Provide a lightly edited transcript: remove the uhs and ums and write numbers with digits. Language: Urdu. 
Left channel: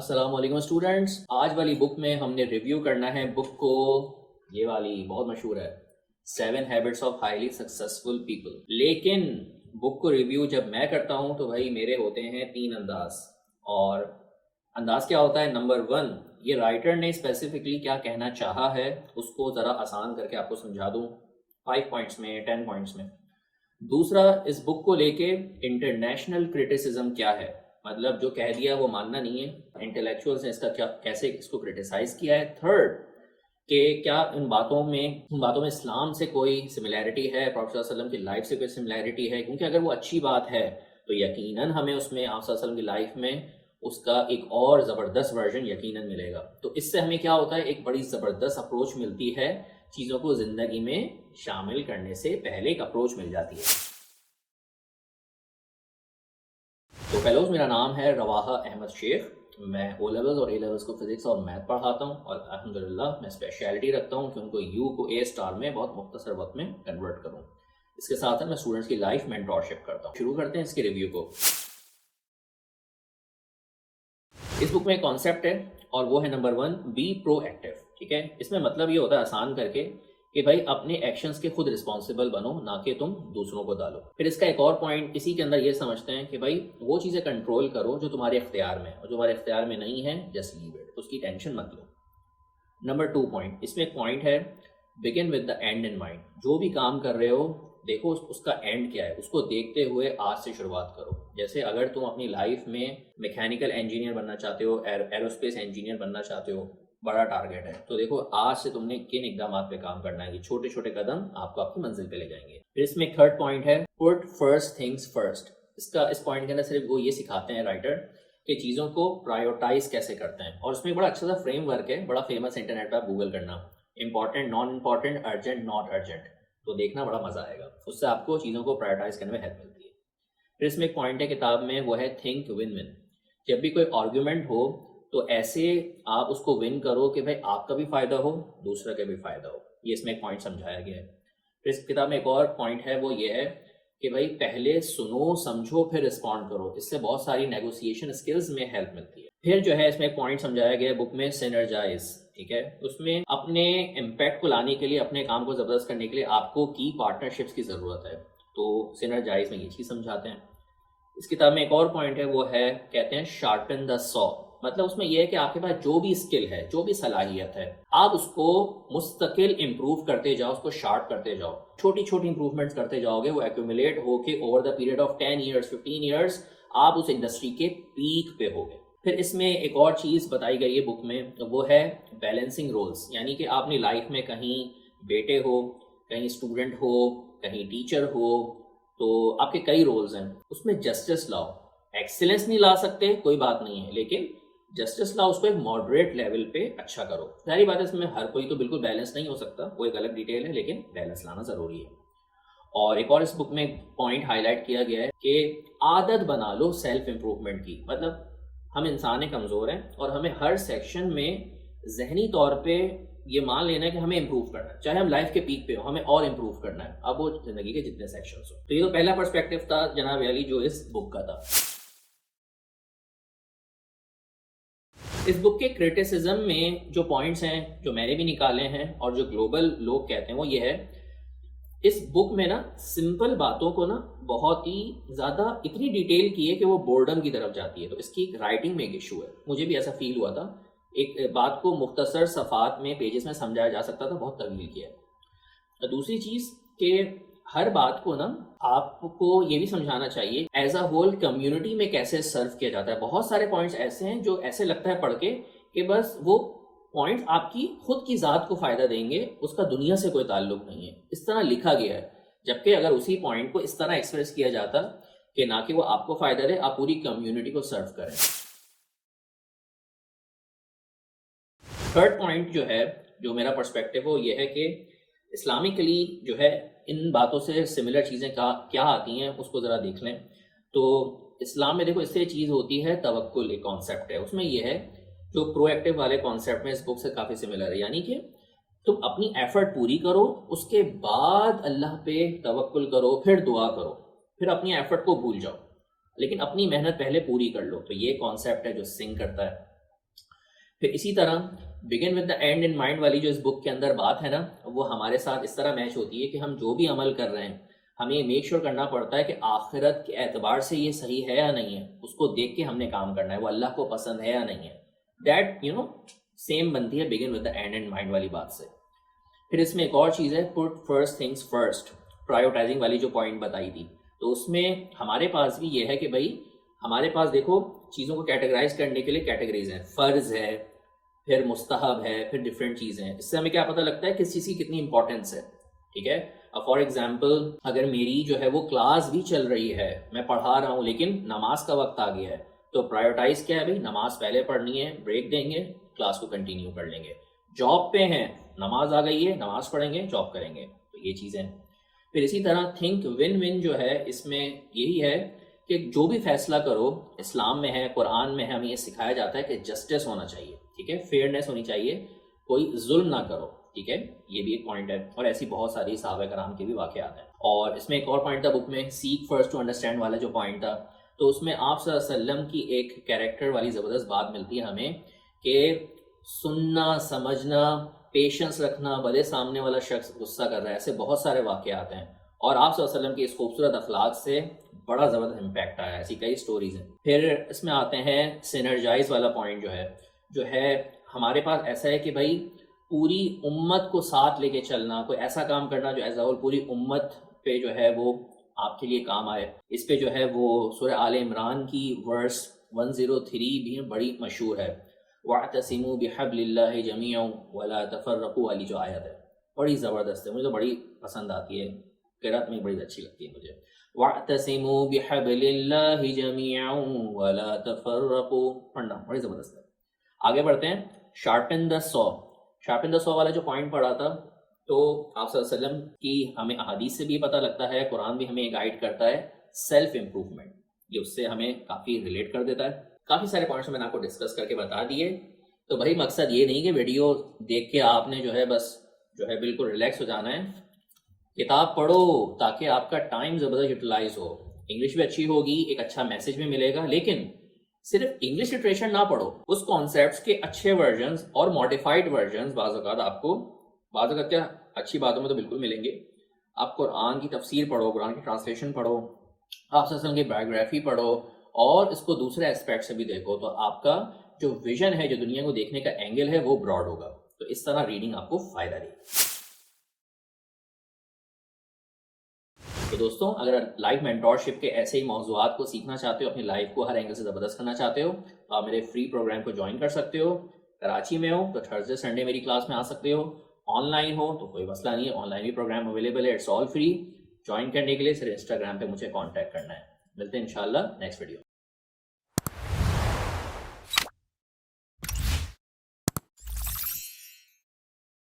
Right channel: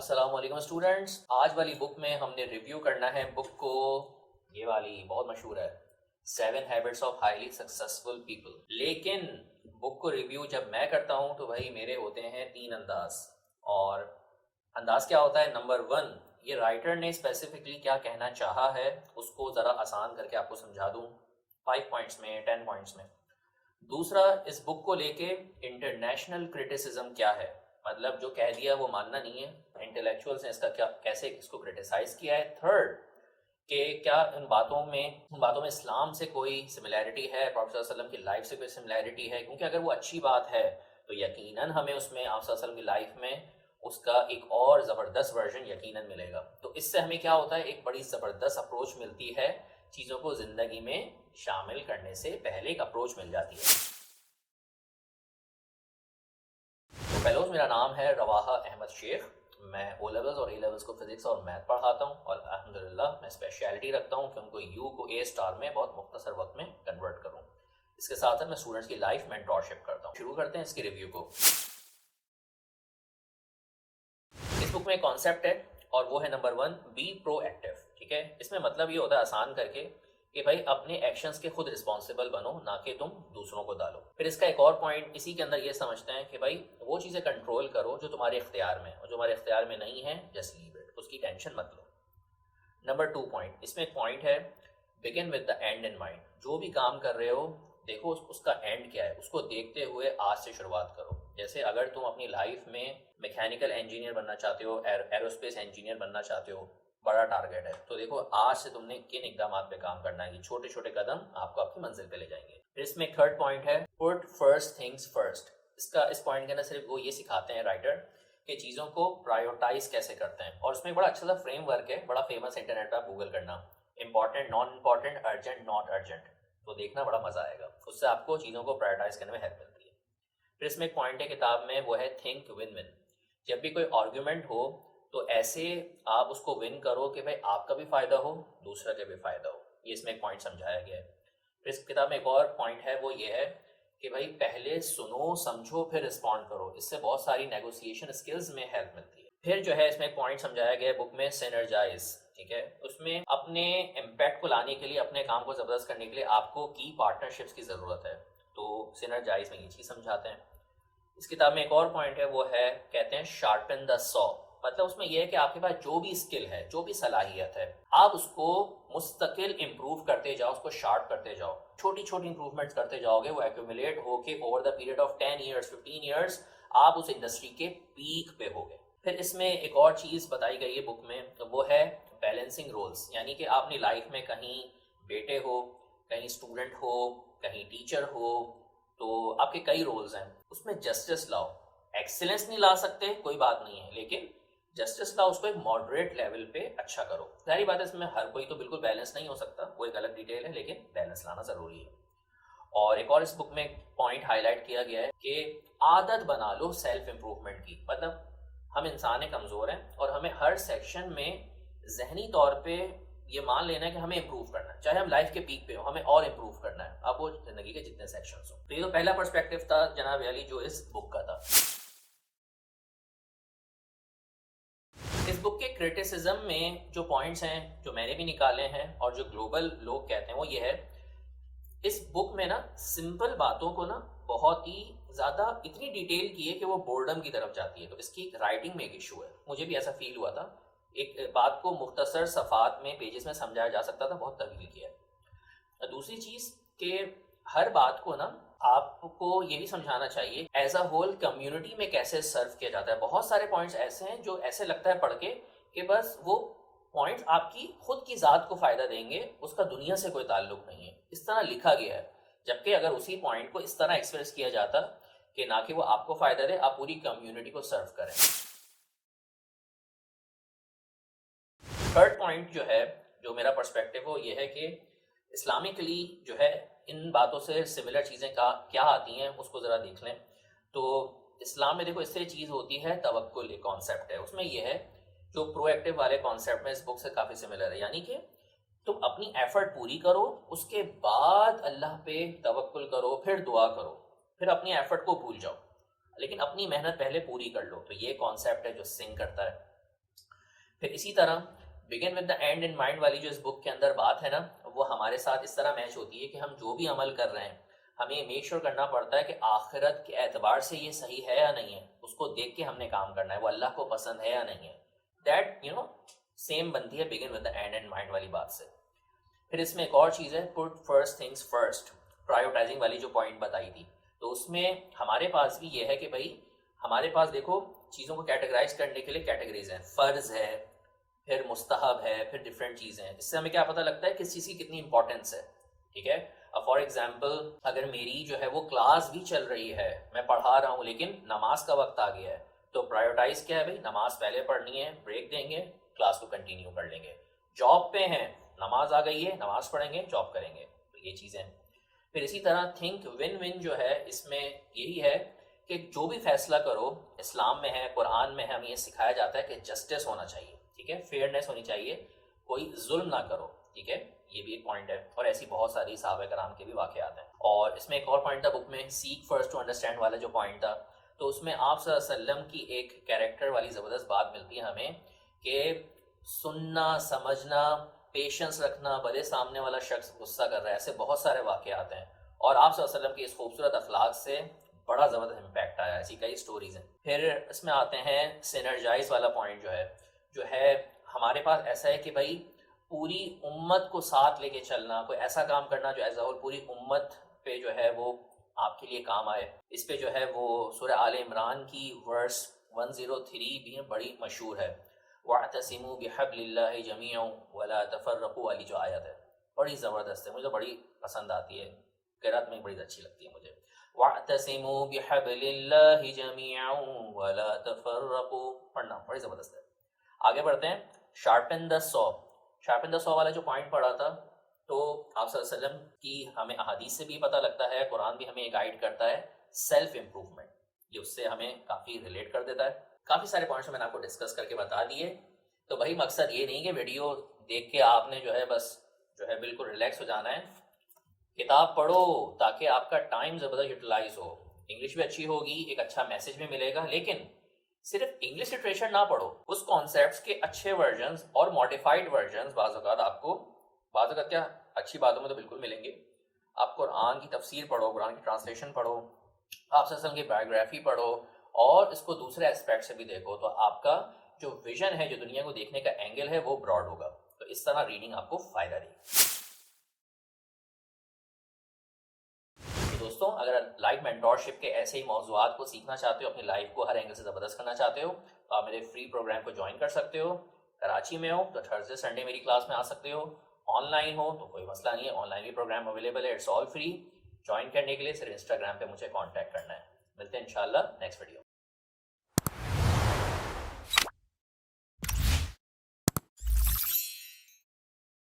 السلام علیکم اسٹوڈنٹس، آج والی بک میں ہم نے ریویو کرنا ہے بک کو، یہ والی بہت مشہور ہے 7 Habits of Highly Successful People۔ لیکن بک کو ریویو جب میں کرتا ہوں تو بھائی میرے ہوتے ہیں 3 انداز، اور انداز کیا ہوتا ہے؟ نمبر 1، یہ رائٹر نے اسپیسیفکلی کیا کہنا چاہا ہے اس کو ذرا آسان کر کے آپ کو سمجھا دوں 5 پوائنٹس میں 10 پوائنٹس میں۔ دوسرا، اس بک کو لے کے انٹرنیشنل کرٹیسزم کیا ہے، مطلب جو کہہ دیا وہ ماننا نہیں ہے، انٹلیکچوئلس نے اس کا کیسے اس کو کرٹیسائز کیا ہے۔ تھرڈ، کہ کیا ان باتوں میں اسلام سے کوئی سملیرٹی ہے، پروفیٹ صلی اللہ علیہ وسلم کی لائف سے کوئی سملیرٹی ہے، کیونکہ اگر وہ اچھی بات ہے تو یقیناً ہمیں اس میں آپ صلی اللہ علیہ وسلم کی لائف میں اس کا ایک اور زبردست ورژن یقیناً ملے گا۔ تو اس سے ہمیں کیا ہوتا ہے، ایک بڑی زبردست اپروچ ملتی ہے، چیزوں کو زندگی میں شامل کرنے سے پہلے ایک اپروچ مل جاتی ہے۔ تو فیلوز، میرا نام ہے رواحہ احمد شیخ، میں او لیولز اور اے لیولز کو فزکس اور میتھ پڑھاتا ہوں، اور الحمدللہ میں اسپیشلٹی رکھتا ہوں کہ ان کو یو کو اے اسٹار میں بہت مختصر وقت میں کنورٹ کروں۔ اس کے ساتھ میں اسٹوڈنٹس کی لائف مینٹورشپ کرتا ہوں۔ شروع کرتے ہیں اس کے ریویو کو۔ اس بک میں ایک کانسیپٹ ہے اور وہ ہے نمبر 1، بی پرو ایکٹیو۔ ٹھیک ہے، اس میں مطلب یہ ہوتا ہے آسان کر کے کہ بھائی اپنے ایکشنز کے خود رسپانسیبل بنو، نہ کہ تم دوسروں کو ڈالو۔ پھر اس کا ایک اور پوائنٹ اسی کے اندر یہ سمجھتے ہیں کہ بھائی وہ چیزیں کنٹرول کرو جو تمہارے اختیار میں، اور جو تمہارے اختیار میں نہیں ہے جسٹ لیو اٹ، اس کی ٹینشن مت لو۔ نمبر 2 پوائنٹ، اس میں ایک پوائنٹ ہے begin with the and in mind. جو بھی کام کر رہے ہو دیکھو اس کا اینڈ کیا ہے، اس کو دیکھتے ہوئے آج سے شروعات کرو۔ جیسے اگر تم اپنی لائف میں میکینیکل انجینئر بننا چاہتے ہو، ایروسپیس انجینئر بننا چاہتے ہو، بڑا ٹارگیٹ ہے، تو دیکھو آج سے تم نے کن اقدامات پہ کام کرنا ہے۔ یہ چھوٹے چھوٹے قدم آپ کو آپ کی منزل پہ لے جائیں گے۔ پھر اس میں ایک تھرڈ پوائنٹ ہے پٹ فرسٹ تھنگس فرسٹ۔ اس پوائنٹ کے اندر صرف وہ یہ سکھاتے ہیں رائٹر کہ چیزوں کو پرائیورٹائز کیسے کرتے ہیں، اور اس میں بڑا اچھا سا فریم ورک ہے، بڑا فیمس، انٹرنیٹ پہ آپ گوگل کرنا، important non important, urgent not urgent, تو دیکھنا بڑا مزہ آئے گا، اس سے آپ کو چیزوں کو پرائیورٹائز کرنے میں ہیلپ ملتی ہے۔ پھر اس میں ایک پوائنٹ ہے کتاب میں، وہ ہے تھنک ون ون۔ جب بھی کوئی آرگیومنٹ ہو تو ایسے آپ اس کو ون کرو کہ بھائی آپ کا بھی فائدہ ہو، دوسرا کا بھی فائدہ ہو۔ یہ اس میں ایک پوائنٹ سمجھایا گیا ہے۔ پھر اس کتاب میں ایک اور پوائنٹ ہے، وہ یہ ہے کہ بھائی پہلے سنو سمجھو پھر رسپونڈ کرو، اس سے بہت ساری نیگوسیشن اسکلز میں ہیلپ ملتی ہے۔ پھر جو ہے اس میں ایک پوائنٹ سمجھایا گیا ہے بک میں، سینرجائز۔ ٹھیک ہے، اس میں اپنے امپیکٹ کو لانے کے لیے، اپنے کام کو زبردست کرنے کے لیے آپ کو کی پارٹنرشپس کی ضرورت ہے، تو سینرجائز میں یہ چیز سمجھاتے ہیں۔ اس کتاب میں ایک اور پوائنٹ ہے، وہ ہے کہتے ہیں شارپن دا سو۔ مطلب اس میں یہ ہے کہ آپ کے پاس جو بھی اسکل ہے، جو بھی صلاحیت ہے، آپ اس کو مستقل امپروو کرتے جاؤ، اس کو شارپ کرتے جاؤ، چھوٹی چھوٹی امپروومنٹس کرتے جاؤ گے، وہ ایکومولیٹ ہو کے over the period of 10 years 15 years آپ اس انڈسٹری کے پیک پہ ہوگے۔ پھر اس میں ایک اور چیز بتائی گئی ہے بک میں، وہ ہے بیلنسنگ رولز، یعنی کہ آپ اپنی لائف میں کہیں بیٹے ہو، کہیں اسٹوڈنٹ ہو، کہیں ٹیچر ہو، تو آپ کے کئی رولز ہیں، اس میں جسٹس لاؤ۔ ایکسلنس نہیں لا سکتے کوئی بات نہیں ہے، لیکن جسٹس لاؤ، اس کو ایک ماڈریٹ لیول پہ اچھا کرو۔ ظاہری بات ہے اس میں ہر کوئی تو بالکل بیلنس نہیں ہو سکتا، وہ ایک الگ ڈیٹیل ہے، لیکن بیلنس لانا ضروری ہے۔ اور ایک اور اس بک میں پوائنٹ ہائی لائٹ کیا گیا ہے کہ عادت بنا لو سیلف امپروومنٹ کی۔ مطلب ہم انسان کمزور ہیں اور ہمیں ہر سیکشن میں ذہنی طور پہ یہ مان لینا ہے کہ ہمیں امپروو کرنا ہے، چاہے ہم لائف کے پیک پہ ہو، ہمیں اور امپروو کرنا ہے، اب وہ زندگی کے جتنے سیکشنز ہو۔ تو یہ تو پہلا پرسپیکٹیو تھا جناب علی جو اس بک کا تھا۔ اس بک کے کرٹیسزم میں جو پوائنٹس ہیں، جو میں نے بھی نکالے ہیں اور جو گلوبل لوگ کہتے ہیں، وہ یہ ہے، اس بک میں نا سمپل باتوں کو نا بہت ہی زیادہ اتنی ڈیٹیل کی ہے کہ وہ بورڈم کی طرف جاتی ہے، تو اس کی رائٹنگ میں ایک ایشو ہے، مجھے بھی ایسا فیل ہوا تھا۔ ایک بات کو مختصر صفحات میں، پیجز میں سمجھایا جا سکتا تھا، بہت طویل کیا ہے۔ دوسری چیز کہ ہر بات کو نا آپ کو یہ بھی سمجھانا چاہیے ایز اے ہول کمیونٹی میں کیسے سرو کیا جاتا ہے۔ بہت سارے پوائنٹس ایسے ہیں جو ایسے لگتا ہے پڑھ کے کہ بس وہ پوائنٹس آپ کی خود کی ذات کو فائدہ دیں گے، اس کا دنیا سے کوئی تعلق نہیں ہے، اس طرح لکھا گیا ہے۔ جبکہ اگر اسی پوائنٹ کو اس طرح ایکسپریس کیا جاتا کہ نہ کہ وہ آپ کو فائدہ دے، آپ پوری کمیونٹی کو سرو کریں۔ تھرڈ پوائنٹ جو ہے، جو میرا پرسپیکٹیو وہ یہ ہے کہ اسلامکلی جو ہے ان باتوں سے سملر چیزیں کیا آتی ہیں، اس کو ذرا دیکھ لیں۔ تو اسلام میں دیکھو اس سے چیز ہوتی ہے توکل، ایک کانسیپٹ ہے، اس میں یہ ہے جو پرو ایکٹیو والے کانسیپٹ میں اس بک سے کافی سملر ہے، یعنی کہ تم اپنی ایفرٹ پوری کرو، اس کے بعد اللہ پہ توکل کرو، پھر دعا کرو، پھر اپنی ایفرٹ کو بھول جاؤ، لیکن اپنی محنت پہلے پوری کر لو۔ تو یہ کانسیپٹ ہے جو سنگ کرتا ہے۔ پھر اسی طرح begin with the and in mind والی جو اس بک کے اندر بات ہے نا، وہ ہمارے ساتھ اس طرح میچ ہوتی ہے کہ ہم جو بھی عمل کر رہے ہیں ہمیں میک شیور کرنا پڑتا ہے کہ آخرت کے اعتبار سے یہ صحیح ہے یا نہیں ہے، اس کو دیکھ کے ہم نے کام کرنا ہے، وہ اللہ کو پسند ہے یا نہیں ہے. دیٹ سیم بنتی ہے begin with the and in mind والی بات سے. پھر اس میں ایک اور چیز ہے، پٹ فرسٹ تھنگس فرسٹ، پرائیورٹائزنگ والی جو پوائنٹ بتائی تھی. تو اس میں ہمارے پاس بھی یہ ہے کہ بھائی ہمارے پاس دیکھو چیزوں کو کیٹیگرائز کرنے کے لیے کیٹیگریز ہیں، فرض ہے، پھر مستحب ہے، پھر ڈفرینٹ چیزیں ہیں. اس سے ہمیں کیا پتہ لگتا ہے کس چیز کی کتنی امپورٹینس ہے. ٹھیک ہے، فار ایگزامپل اگر میری جو ہے وہ کلاس بھی چل رہی ہے، میں پڑھا رہا ہوں لیکن نماز کا وقت آ گیا ہے، تو پرائیورٹائز کیا ہے بھائی، نماز پہلے پڑھنی ہے، بریک دیں گے، کلاس کو کنٹینیو کر لیں گے. جاب پہ ہیں، نماز آ گئی ہے، نماز پڑھیں گے، جاب کریں گے. تو یہ چیزیں. پھر اسی طرح تھنک ون ون جو ہے اس میں یہی ہے کہ جو بھی فیصلہ کرو اسلام میں ہے، قرآن میں ہے، ہمیں یہ سکھایا جاتا ہے کہ جسٹس ہونا چاہیے. ٹھیک ہے، فیئرنیس ہونی چاہیے، کوئی ظلم نہ کرو. ٹھیک ہے، یہ بھی ایک پوائنٹ ہے. اور ایسی بہت ساری صحابہ کرام کے بھی واقعات ہیں. اور اس میں ایک اور پوائنٹ تھا بک میں، سیک فرسٹ ٹو انڈرسٹینڈ والا جو پوائنٹ تھا. تو اس میں آپ صلی اللہ علیہ وسلم کی ایک کیریکٹر والی زبردست بات ملتی ہے ہمیں کہ سننا، سمجھنا، پیشنس رکھنا، بھلے سامنے والا شخص غصہ کر رہا ہے. ایسے بہت سارے واقعات ہیں اور آپ صلی اللہ علیہ وسلم کے اس خوبصورت اخلاق سے بڑا زبردست امپیکٹ آیا. ایسی کئی سٹوریز ہیں. پھر اس میں آتے ہیں سینرجائز والا پوائنٹ جو ہے ہمارے پاس ایسا ہے کہ بھائی پوری امت کو ساتھ لے کے چلنا، کوئی ایسا کام کرنا جو ایز اے ہول پوری امت پہ جو ہے وہ آپ کے لیے کام آئے. اس پہ جو ہے وہ سورہ آل عمران کی ورس 103 بھی بڑی مشہور ہے. وَاعْتَصِمُوا بِحَبْلِ اللَّهِ جَمِيعًا وَلَا تَفَرَّقُوا والی جو آیت ہے بڑی زبردست ہے، مجھے تو بڑی پسند آتی ہے، قرأت میں بڑی اچھی لگتی ہے مجھے. وَاعْتَصِمُوا بِحَبْلِ اللَّهِ جَمِيعًا وَلَا تَفَرَّقُوا پڑھنا بڑی زبردست ہے. آگے بڑھتے ہیں. شارپن دا سو والا جو پوائنٹ پڑھا تھا، تو آپ صلی اللہ علیہ وسلم کی ہمیں احادیث سے بھی پتہ لگتا ہے، قرآن بھی ہمیں گائیڈ کرتا ہے، سیلف امپروومنٹ. یہ اس سے ہمیں کافی ریلیٹ کر دیتا ہے. کافی سارے پوائنٹس میں نے آپ کو ڈسکس کر کے بتا دیے. تو بھائی مقصد یہ نہیں کہ ویڈیو دیکھ کے آپ نے جو ہے بس جو ہے بالکل ریلیکس ہو جانا ہے. کتاب پڑھو تاکہ آپ کا ٹائم زبردست یوٹیلائز ہو، انگلش بھی اچھی ہوگی، ایک اچھا میسج بھی ملے گا. لیکن صرف انگلش لٹریچر نہ پڑھو، اس کانسیپٹس کے اچھے ورژنز اور ماڈیفائڈ ورژنز بعض اوقات آپ کو بعض اوقات کیا اچھی باتوں میں تو بالکل ملیں گے. آپ قرآن کی تفسیر پڑھو، قرآن کی ٹرانسلیشن پڑھو، آپ صلی اللہ علیہ وسلم کی بایوگرافی پڑھو اور اس کو دوسرے اسپیکٹ سے بھی دیکھو، تو آپ کا جو ویژن ہے، جو دنیا کو دیکھنے کا اینگل ہے، وہ براڈ ہوگا. تو اس طرح ریڈنگ آپ کو فائدہ دے گی. دوستوں اگر لائف مینٹورشپ کے ایسے ہی موضوعات کو سیکھنا چاہتے ہو، اپنی لائف کو ہر اینگل سے زبردست کرنا چاہتے ہو، تو آپ میرے فری پروگرام کو جوائن کر سکتے ہو. کراچی میں ہو تو تھرسڈے سنڈے میری کلاس میں آ سکتے ہو. آن لائن ہو تو کوئی مسئلہ نہیں ہے، آن لائن بھی پروگرام اویلیبل ہے، اٹس آل فری. جوائن کرنے کے لیے صرف انسٹاگرام پہ مجھے کانٹیکٹ کرنا ہے. ملتے ہیں انشاءاللہ نیکسٹ ویڈیو.